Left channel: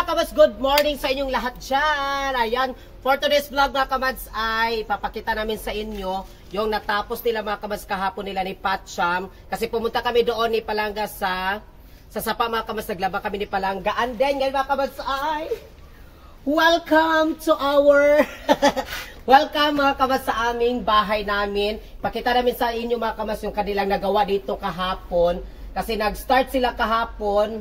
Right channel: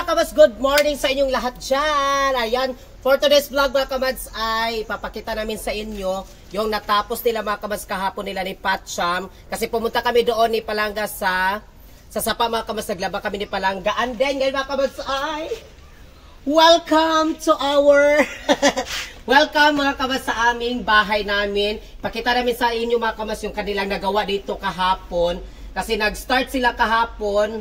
mga kamads, good morning sa inyong lahat dyan. Ayan, for today's vlog mga kamads ay papakita namin sa inyo yung natapos nila mga kamads kahapon nila ni Patcham. Kasi pumunta kami doon ni Palanga sa Sapa mga kamads, naglaba kami ni Palanga. And then ngayon mga kamads ay welcome to our welcome mga kamads sa aming bahay namin. Pakita namin sa inyo mga kamads yung kanilang nagawa dito kahapon. Kasi nag-start sila kahapon.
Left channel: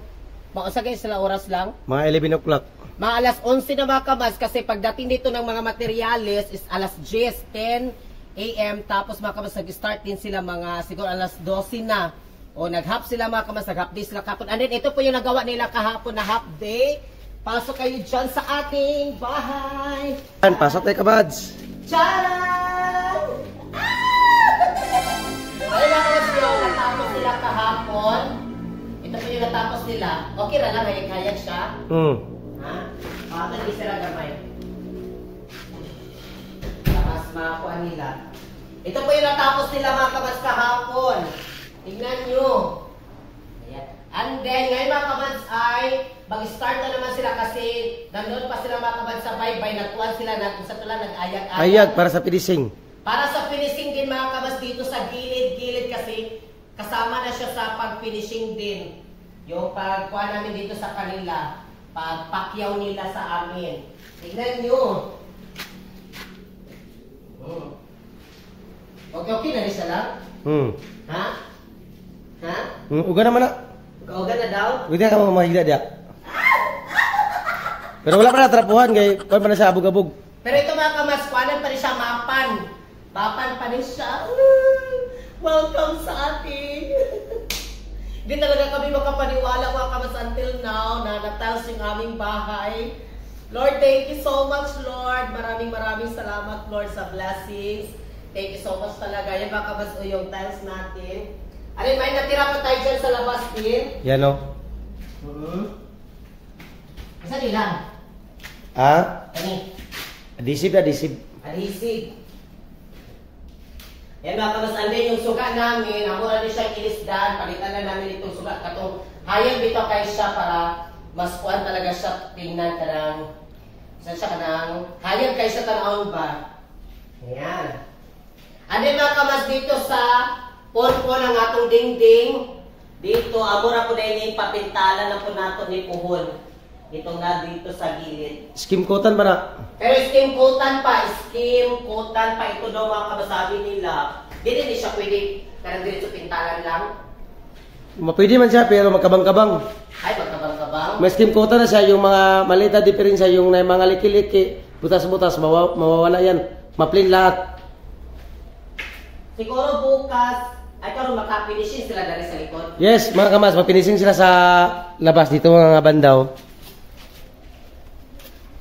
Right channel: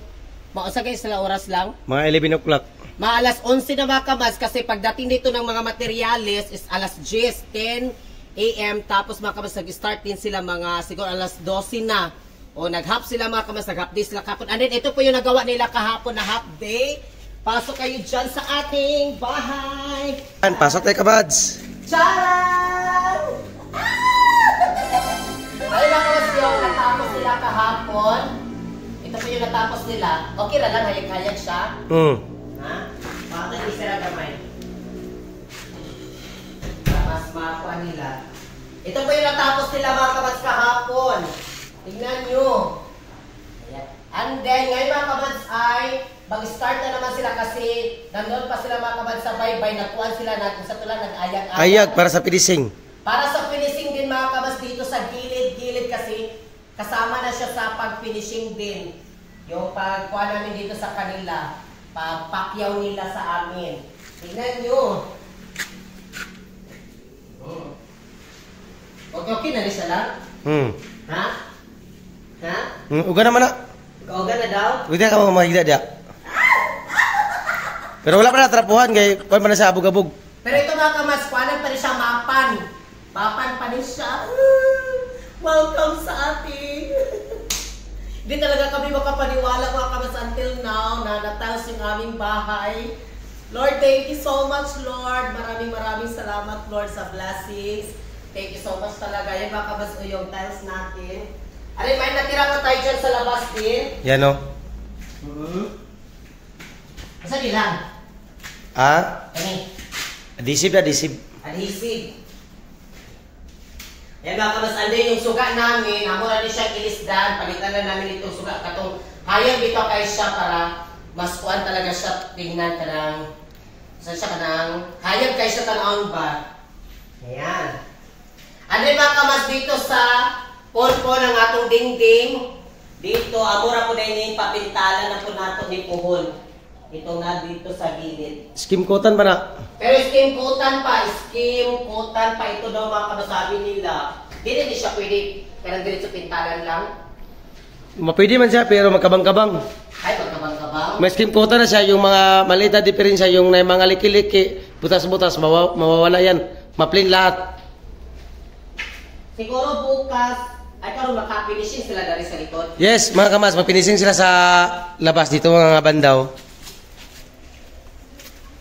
Mausa kayo sila oras lang? Mga 11 o'clock. Mga alas 11 na mga kamads kasi pagdating dito ng mga materyales is alas 10 a.m. Tapos mga kamads nag-start din sila mga siguro alas 12 na. O nag-half sila mga kamads, nag-half day sila kahapon. And then ito po yung nagawa nila kahapon na half day. Pasok kayo dyan sa ating bahay. Pasok tayo kamads. Tcharan! Ay mga kamads yung natapos nila kahapon. Ito po yung natapos nila. Okay na lang, hayag-hayag siya. Ha? Bakit nag-isira gamay? Tapos makakuha nila. Ito po yung natapos nila mga kamads kahapon. Tingnan nyo. Ayan. And then, ngayon mga kamads ay mag-start na naman sila kasi nandun pa sila mga kamads sa baybay. Nagkuhan sila na kung sa tulang nag-ayag-ayag. Ayag para sa finishing. Para sa finishing din mga kamads dito sa gilid-gilid kasi kasama na siya sa pag-finishing din. Yung pagkuha namin dito sa kanila. Pagpakyaw nila sa amin. Tignan nyo. Okay na rin siya lang? Ha? Ha? Uga naman na. Uga na daw? Uga ka mga mahigda diya. Pero wala pa na trapuhan kay kuwan pa na sa abog-abog. Pero ito mga kamads, kuhanan pa rin siya mapan. Mapan pa rin siya. Welcome sa atin. Hindi talaga kami makapaniwala mga kamads until now na natalos yung aming bahay. Lord, thank you so much, Lord. Maraming salamat, Lord, sa blessings. Thank you so much talaga. Yan mga kamads o yung tiles natin. Arin, may natira pa tayo dyan sa labas din. Yan o. Asa nilang? Kani? Adhesive na, adhesive. Adhesive. Yan mga kamads, andun yung suga namin. Hamura rin siyang ilisdan. Palitan na namin itong suga. Katong hayang bito kayo siya para mas kuan talaga siya tingnan ka ng saan siya ka ng hayang kayo siya tanawin ba? Ayan. Andun mga kamads dito sa ponpo ng atong dingding. Dito, amura po na yung papintalan na po nato ni Puhon. Ito na dito sa gilid. Skim coatan pa na. Pero skim coatan pa. Skim coatan pa. Ito daw mga kamasabi nila. Hindi siya pwede. Parang diretso pintalan lang. Mapwede man siya pero magkabang-kabang. Ay, magkabang-kabang. May skim coatan na siya. Yung mga maliit na diferensya. Yung mga liki-liki. Butas-butas. Mawawala yan. Maplin lahat. Siguro bukas. Ay, karoon makapinishin sila dari sa likod. Yes, mga kamas. Mapinising sila sa labas. Dito mga bandaw.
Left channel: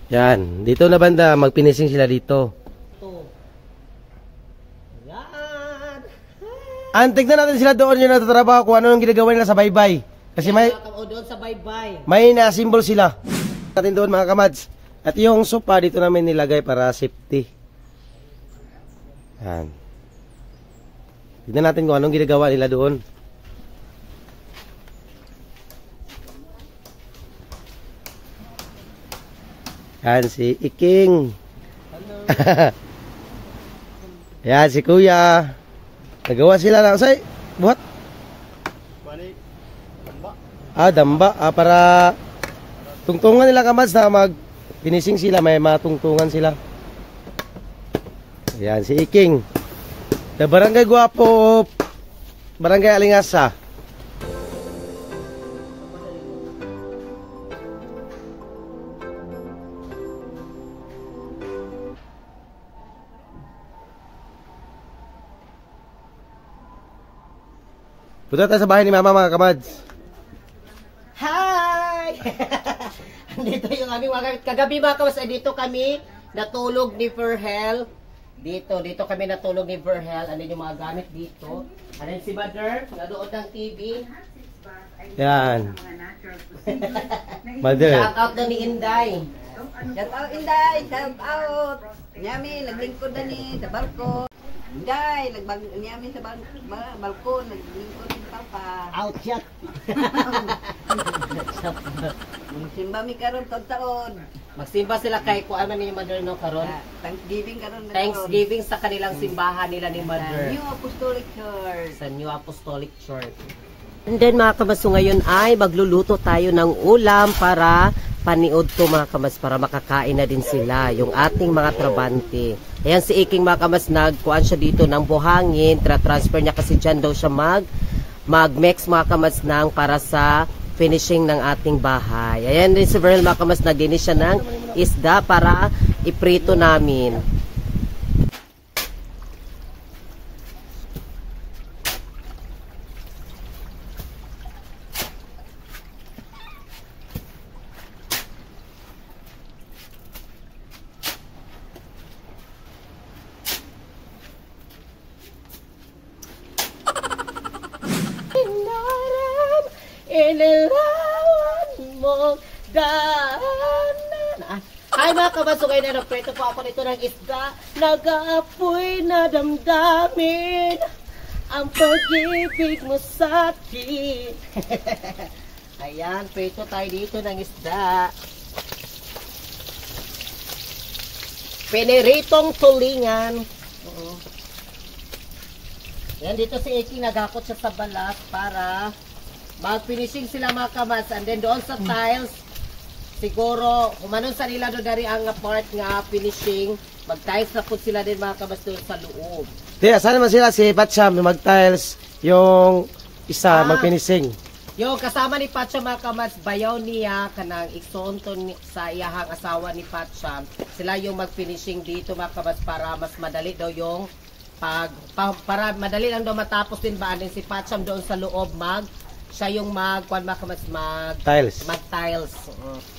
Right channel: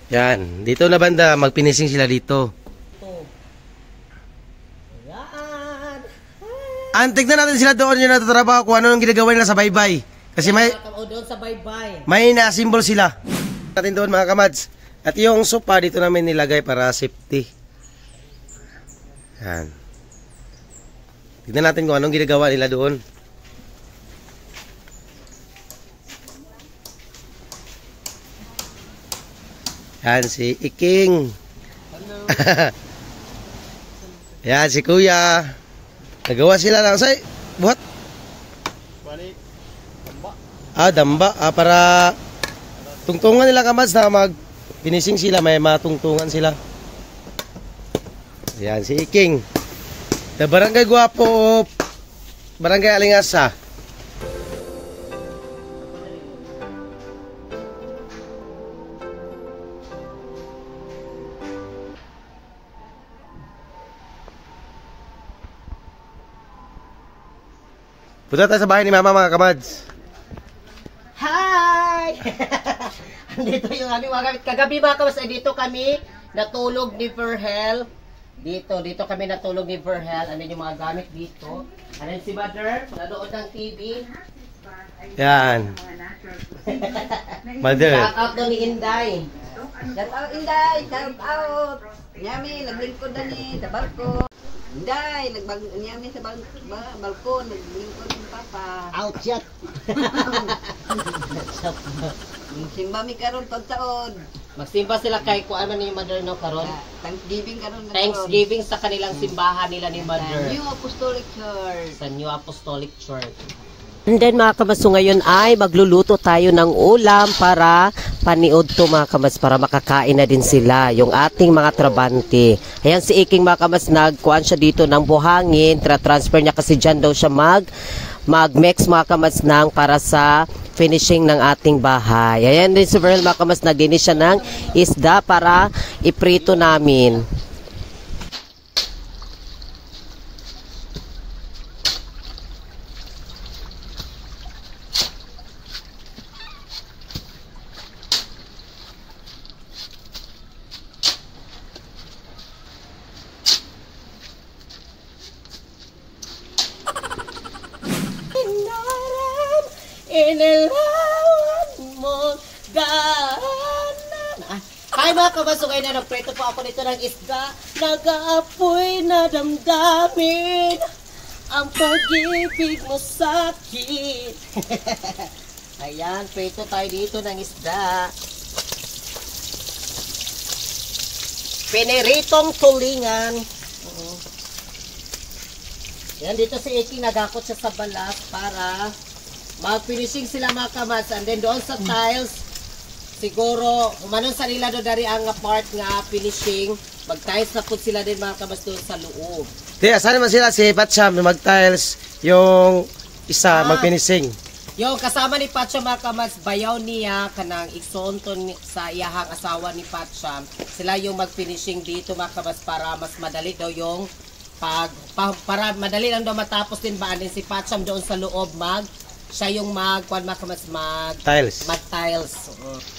Yan, dito na banda, magpinising sila dito. Yan. Tignan natin sila doon yung natatrabaho kung ano yung ginagawa nila sa baybay. Kasi may doon sa baybay. May na-symbol sila. Natin doon mga kamads. At yung sopa dito namin nilagay para safety. Yan. Tignan natin kung anong ginagawa nila doon. Yan si Iking. Yan si Kuya. Nagawa sila lang say. Buhat. Damba. Para tungtungan nila kamads na mag-finishing sila. May matungtungan sila. Yan si Iking. The Barangay Guapo, Barangay Alingasa. Punta tayo sa bahay ni Mama mga kamads. Hi! Andito yung aming mga kagabi mga kamads. Dito kami natulog ni Verhel. Dito kami natulog ni Verhel. Ano yung mga gamit dito. Ano si Mother? Nadood ng TV. Yan. Mother. Shout out na ni Inday. Shout out Inday. Shout out. Nyami, naglingkod na ni sa barko. Inday, nyami sa balkon. Naglingkod ni Papa. Out shot. Simba mi karon taon. Magsimba sila kay kuan man ni Mother no karon. Thanksgiving karon na. Thanksgiving sa kanilang simbahan nila ni Mother. New Apostolic Church. Sa New Apostolic Church. And then mga kamas, so ngayon ay magluluto tayo ng ulam para paniod to mga kamas, para makakain na din sila, yung ating mga trabante. Ayan si Iking mga kamas, nagkuhan siya dito ng buhangin, transfer niya kasi dyan daw siya mag-mix mga kamas ng para sa finishing ng ating bahay. Ayan din si Verhel mga kamas, naglinis siya ng isda para iprito namin. Inilawan mo daanan. Ay mga kabasugay na nagpreto po ako nito ng isda. Nag-aapoy na damdamin ang pag-ibig mo sa akin. Ayan, preto tayo dito ng isda. Piniritong tulingan. Yan, dito si Iki nagakot siya sa balas para mag-finishing sila mga kamas. And then doon sa tiles, siguro, umanon sa nila doon dari ang part nga finishing, mag-tiles na po sila din mga kamas doon sa loob. Di, asan naman sila si Patsyam, mag-tiles, yung isa, mag-finishing. Yung kasama ni Patsyam mga kamas, bayaw niya, kanang iksonton sa iyahang asawa ni Patsyam, sila yung mag-finishing dito mga kamas para mas madali daw yung para madali lang daw matapos din ba din si Patsyam doon sa loob siya yung tiles. Mag-tiles.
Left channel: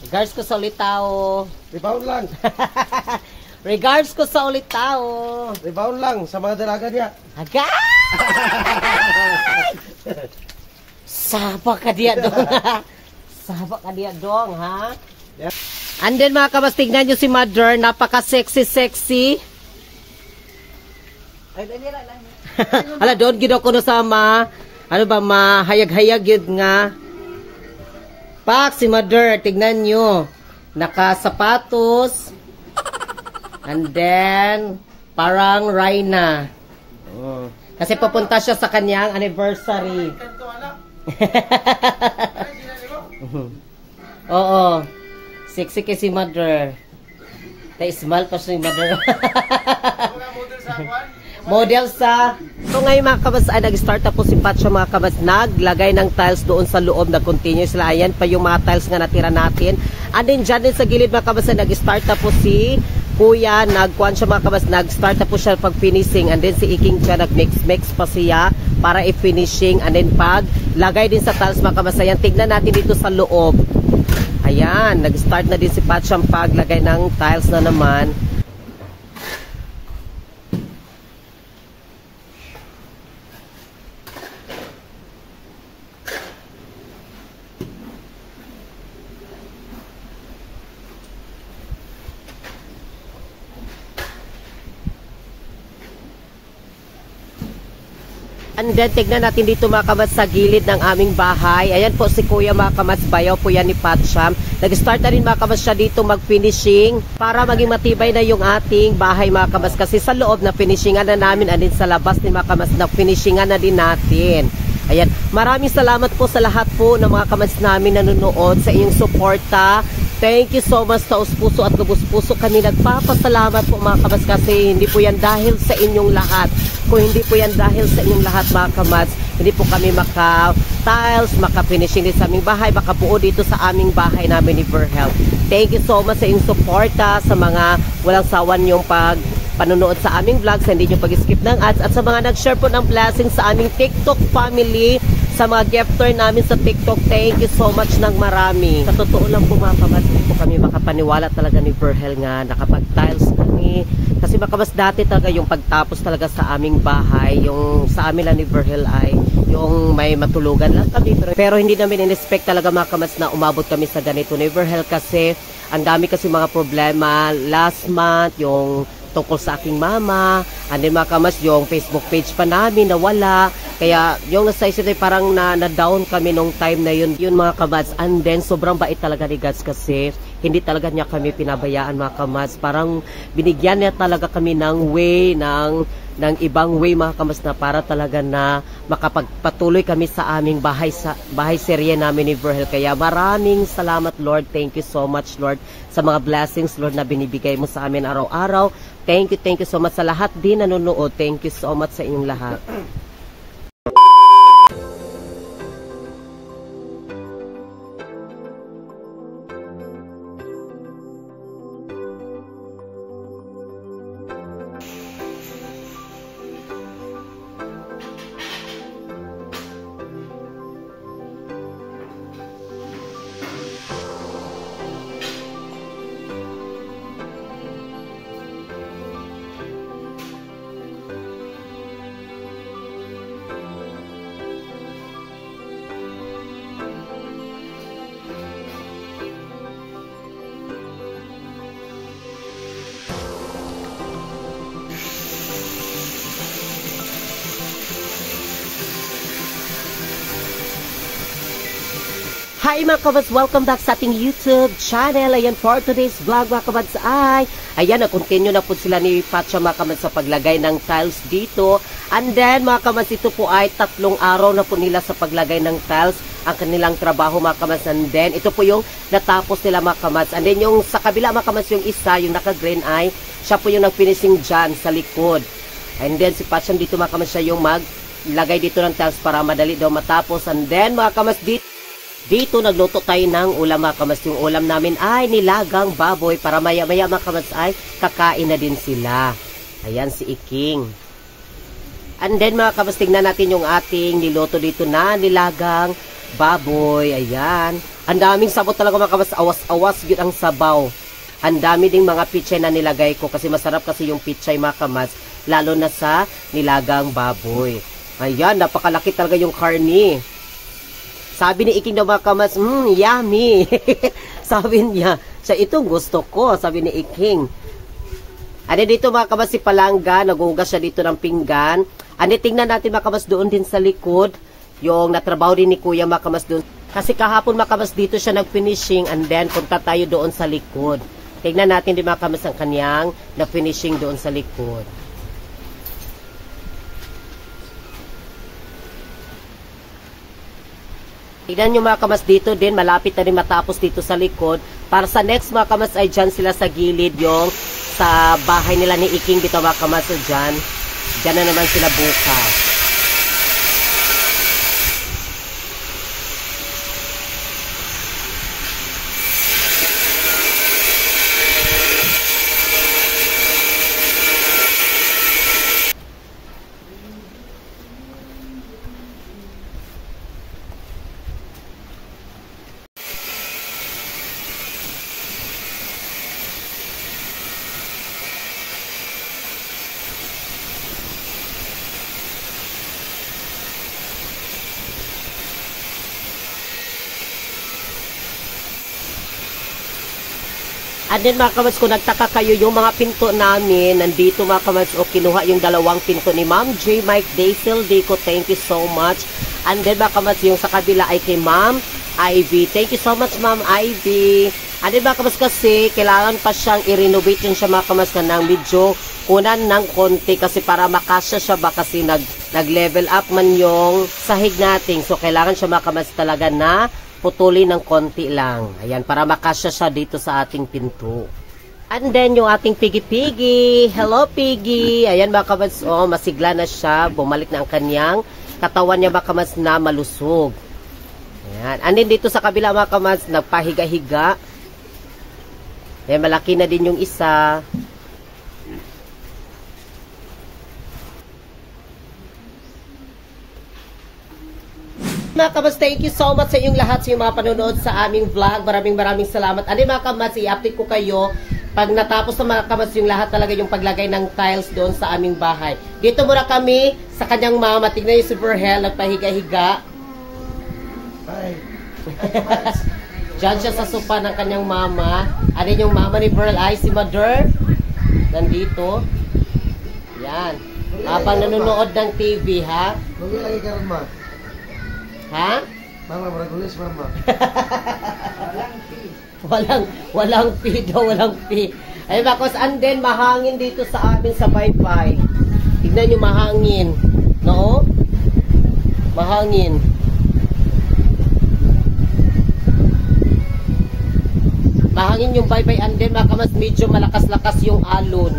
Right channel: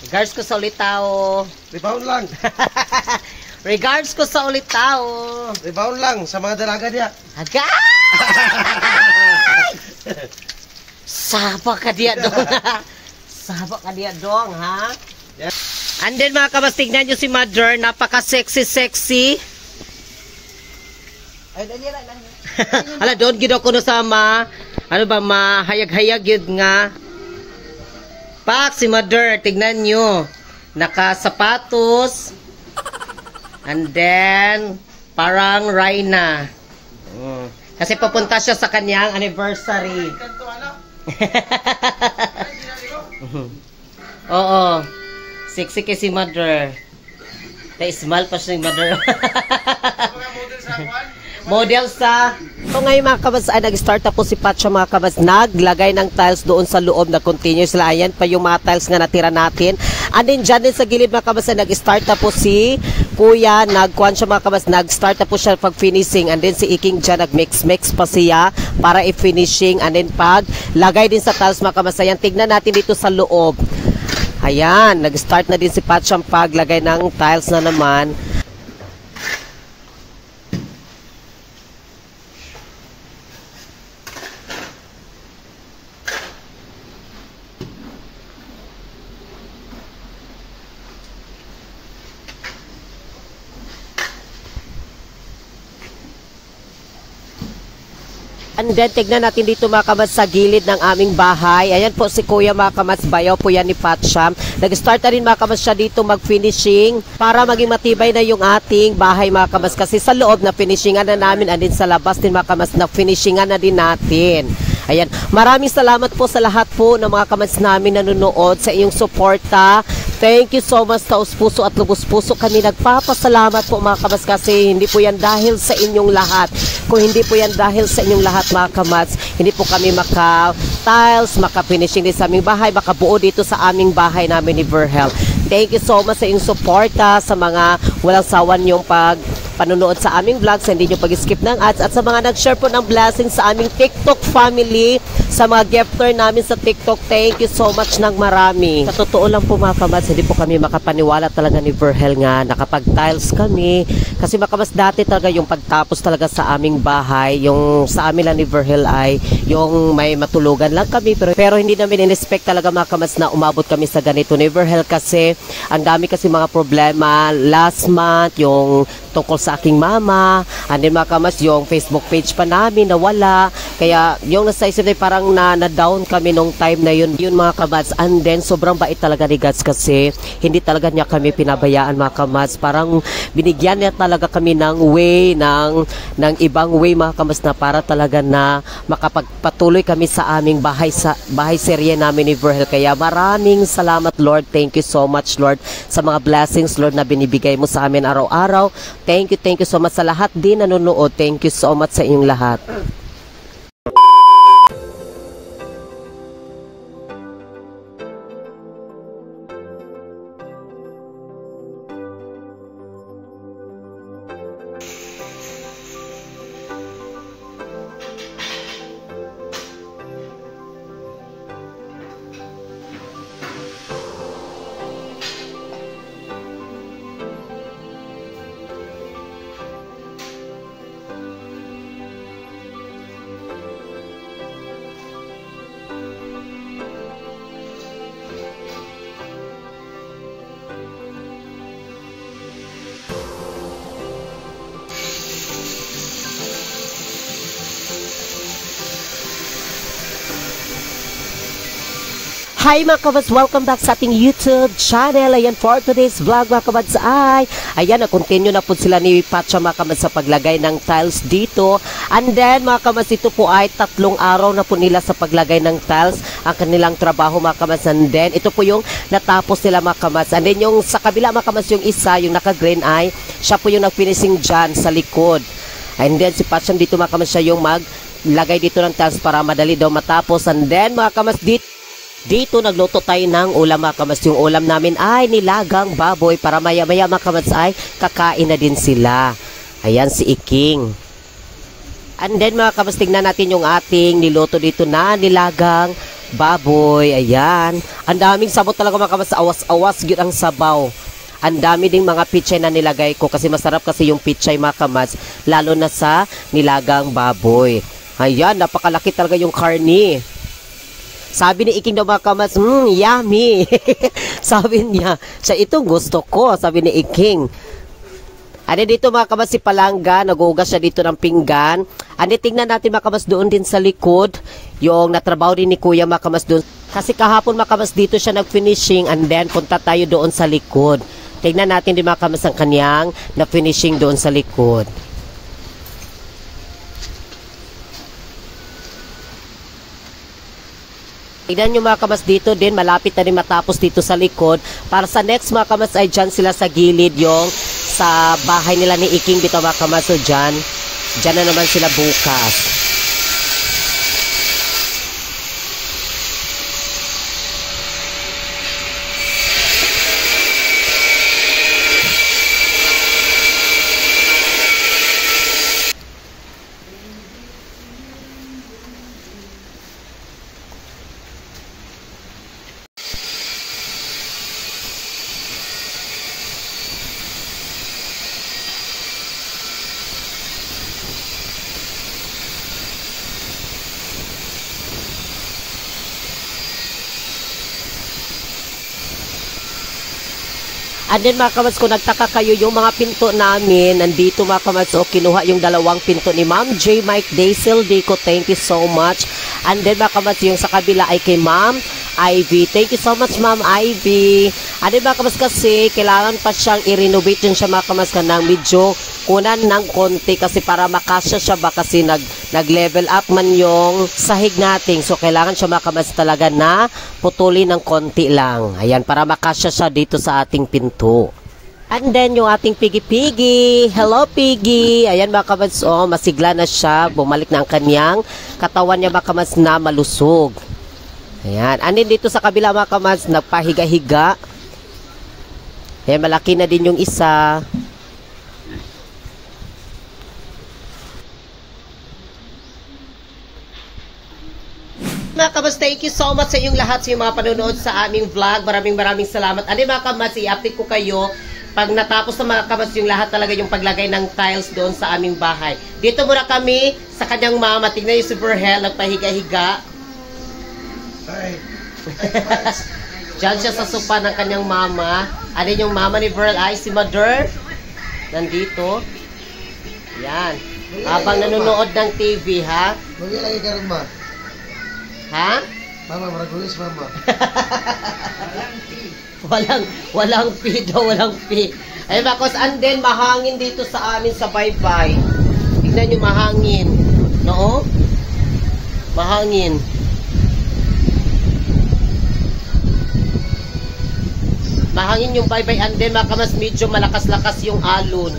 Regards ko sa Ulitao. Rebound lang. Regards ko sa Ulitao. Rebound lang sa mga dalaga niya. Agay! Saba ka diya dong ha? Saba ka diya dong ha? Yeah. And then mga kabas, tignan nyo si Mother, napaka-sexy. Ay, dali lang. Ala, doon gido ko no sama. Ano ba, mahayag-hayag yun nga. Pak, si Mother, tignan nyo. Nakasapatos. And then, parang Raina. Kasi papunta siya sa kanyang anniversary. Oo. Sexy kasi si Mother. Na-smile pa siya ni Mother. Model sa... So ngayon mga kabas ay nag-start na po si Patsyam mga kabas, naglagay ng tiles doon sa loob na continue sila. Ayan pa yung mga tiles nga natira natin. And then dyan din sa gilid mga kabas ay nag-start na po si Kuya, nagkuhan siya mga kabas, nag-start na po siya pag-finishing. And then si Iking dyan nag-mix pa siya para i-finishing. And then pag lagay din sa tiles mga kabas, ayan, tignan natin dito sa loob. Ayan, nag-start na din si Patsyam paglagay ng tiles na naman. And then, tignan natin dito mga kamas sa gilid ng aming bahay. Ayan po si Kuya mga kamas, bayaw po yan ni Patsyam. Nag-start na rin mga kamas siya dito mag-finishing para maging matibay na yung ating bahay mga kamas. Kasi sa loob na finishingan na namin, and din sa labas din mga kamas na finishingan na din natin. Ayan, maraming salamat po sa lahat po ng mga kamas namin nanonood sa inyong suporta. Thank you so much, taus-puso at lubos-puso. Kami nagpapasalamat po mga kamas kasi hindi po yan dahil sa inyong lahat. Kung hindi po yan dahil sa inyong lahat mga kamats, hindi po kami maka-tiles, maka-finishing din sa aming bahay, makabuo dito sa aming bahay namin ni Verhel. Thank you so much sa inyong suporta, sa mga walang sawan yung panonood sa aming vlogs, hindi nyo pag-skip ng ads, at sa mga nag-share po ng blessings sa aming TikTok family, sa mga gifter namin sa TikTok. Thank you so much ng marami. Sa totoo lang po mga kamats, hindi po kami makapaniwala talaga ni Verhel nga nakapag-tiles kami. Kasi mga kamats, dati talaga yung pagtapos talaga sa aming bahay, yung sa amin lang ni Verhel ay yung may matulugan lang kami. Pero hindi namin in-expect talaga mga kamats na umabot kami sa ganito ni Verhel kasi ang dami kasi mga problema. Last month, yung tungkol sa aking mama. And then mga kamads, yung Facebook page pa namin nawala. Kaya yung nasa isip na parang na-down kami nung time na yun. Yun mga kamads. And then sobrang bait talaga ni God kasi hindi talaga niya kami pinabayaan mga kamads. Parang binigyan niya talaga kami ng way, ng ibang way mga kamads na para talaga na makapagpatuloy kami sa aming bahay serye namin ni Virgel. Kaya maraming salamat Lord. Thank you so much Lord sa mga blessings Lord na binibigay mo sa amin araw-araw. Thank you so much sa lahat din nanonood. Thank you so much sa inyong lahat. Hi mga kabads, welcome back sa ating YouTube channel. Ayan, for today's vlog mga kabads ayan, na-continue na po sila ni Pacha mga kabads sa paglagay ng tiles dito. And then mga kabads, ito po ay 3 araw na po nila sa paglagay ng tiles ang kanilang trabaho mga kabads. And then ito po yung natapos nila mga kabads. And then yung sa kabila mga kabads, yung isa, yung naka-green eye, siya po yung nag-finishing dyan sa likod. And then si Pacha dito mga kabads, siya yung maglagay dito ng tiles para madali daw matapos. And then mga kabads, dito nagluto tayo ng ulam mga kamads. Yung ulam namin ay nilagang baboy para maya-maya mga kamads ay kakain na din sila. Ayan si Iking. And then mga kamads, tingnan natin yung ating niluto dito na nilagang baboy. Ayan. Ang daming sabot talaga mga kamads. Awas-awas yun ang sabaw. Ang dami ding mga pichay na nilagay ko kasi masarap kasi yung pichay mga kamads. Lalo na sa nilagang baboy. Ayan, napakalaki talaga yung karni. Sabi ni Iking daw mga kamads, yummy. Sabi niya, siya itong gusto ko, sabi ni Iking. Ano dito mga kamads, si Palangga, nagugas siya dito ng pinggan. Ano, tingnan natin mga kamads doon din sa likod, yung natrabaho din ni Kuya mga kamads doon. Kasi kahapon mga kamads dito siya nag-finishing and then punta tayo doon sa likod. Tingnan natin din mga kamads ang kanyang na-finishing doon sa likod. Tignan nyo mga kamas dito din, malapit na rin matapos dito sa likod. Para sa next mga kamas ay dyan sila sa gilid, yung sa bahay nila ni Iking dito mga kamas. So dyan na naman sila bukas. And then mga kamads, kung nagtaka kayo, yung mga pinto namin, nandito mga kamads, o kinuha yung 2 pinto ni Ma'am J. Mike Daisel Dico. Thank you so much. And then mga kamads, yung sa kabila ay kay Ma'am Ivy. Thank you so much Ma'am Ivy. And then mga kamads, kasi kailangan pa siyang i-renovate yun siya mga kamads, kanang medyo kunan ng konti kasi para makasya siya ba kasi nag-level up man yung sahig natin. So kailangan siya mga kamads talaga na putulin ng konti lang. Ayan, para makasya siya dito sa ating pinto. And then yung ating Piggy. Hello Piggy. Ayan mga kamads, masigla na siya. Bumalik na ang kanyang katawan niya mga kamads na malusog. Ayan. And then dito sa kabila mga kamads, nagpahiga-higa. Ayan, malaki na din yung isa. Mga kamads, thank you so much sa inyong lahat sa mga panonood sa aming vlog. Maraming salamat. Ano mga kamads, i-update ko kayo pag natapos na mga kamads yung lahat talaga yung paglagay ng tiles doon sa aming bahay. Dito muna kami sa kanyang mama. Tignan yung si Virgel, nagpahiga-higa. Diyan siya sa sopa ng kanyang mama. Ano yung mama ni Virgel ay si Mother nandito. Yan. Habang nanonood ng TV, ha? Muli lagi ka rin, ma. Ha? Mama, maragulis, mama. Walang fee daw, walang fee. Ay, bakos, and then, mahangin dito sa amin sa Wi-Fi. Tignan nyo, mahangin. No? Mahangin. Mahangin yung Wi-Fi, and then, makamas medyo malakas-lakas yung alon.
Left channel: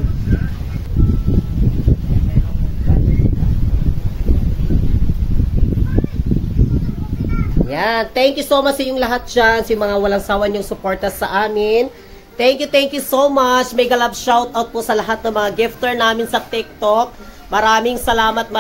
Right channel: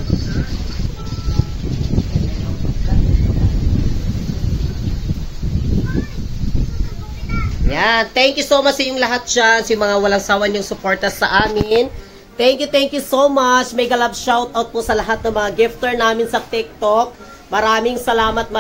Yan. Thank you so much sa inyong lahat dyan. Sa mga walang sawan yung suporta sa amin. Thank you so much. Mega love shout out po sa lahat ng mga gifter namin sa TikTok. Maraming salamat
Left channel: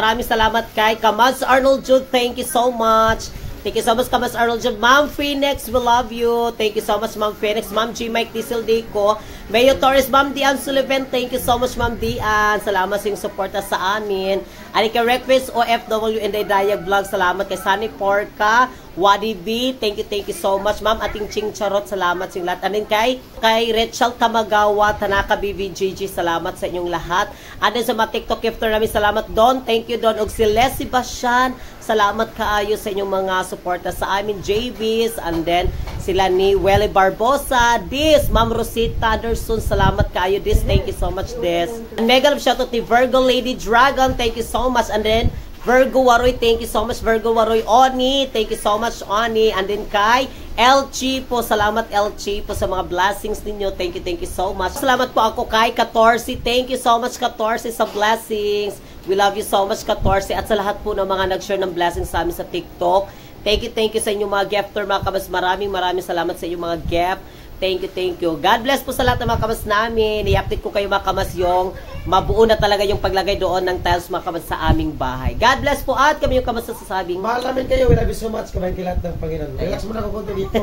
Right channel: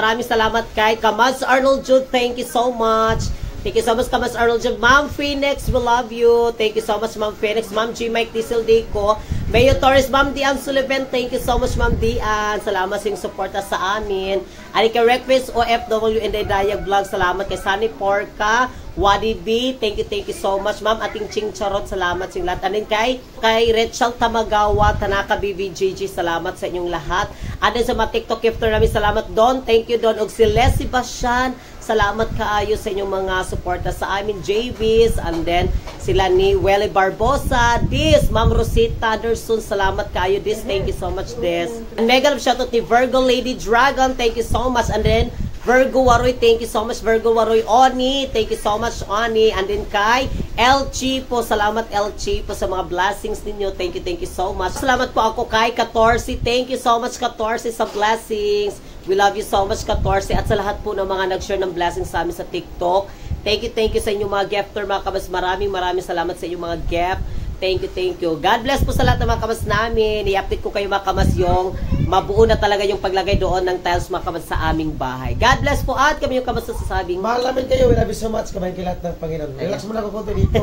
kay Kamads Arnold Jude. Thank you so much. Thank you so much, Kamads Arnold Jude. Ma'am Phoenix, we love you. Thank you so much, Ma'am Phoenix. Ma'am G. Mike Diesel Deco. Mayo Torres, Ma'am Dian Sullivan. Thank you so much, Ma'am Dian. Salamat sa inyong suporta sa amin. Anika Request, OFW, and Dayag Vlog. Salamat kay Sunny Porca. Wadi B, thank you so much, ma'am. Ating Ching Charot, salamat sa lahat. Anin kay Rachel Tamagawa, Tanaka BBGG, salamat sa inyong lahat. Anin sa mga TikTok gifter namin, salamat Don. Thank you Don. Og si Les Sebastian, salamat kaayo sa inyong mga suporta sa amin. JBs, and then sila ni Welly Barbosa, Dis, Ma'am Rosita Anderson, salamat kaayo Dis. Thank you so much Dis. And mega love shoutout ni Virgo Lady Dragon, thank you so much. And then Virgo Waroy, thank you so much. Virgo Waroy Oni, thank you so much Oni. And then kay LG po, salamat LG po sa mga blessings ninyo. Thank you so much. Salamat po ako kay 14. Thank you so much 14 sa blessings. We love you so much 14. At sa lahat po ng mga nag-share ng blessings sa amin sa TikTok. Thank you sa inyong mga gifter mga kabas. Maraming salamat sa inyong mga gift. Thank you. God bless po sa lahat ng mga kamas namin. I-update ko kayo mga kamas yung mabuo na talaga yung paglagay doon ng tiles mga kamas sa aming bahay. God bless po at kami yung kamas na sasabing. Mahal namin kayo. We love you so much. Kamay kilat ng Panginoon. Relax muna ko konti dito.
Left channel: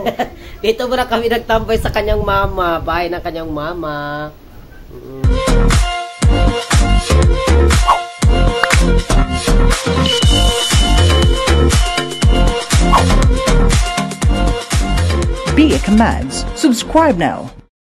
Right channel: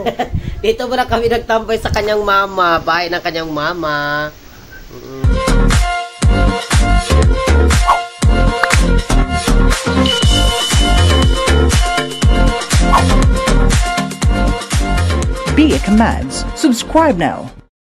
Dito muna kami nagtambay sa kanyang mama. Bahay ng kanyang mama. Be a Kamads. Subscribe now.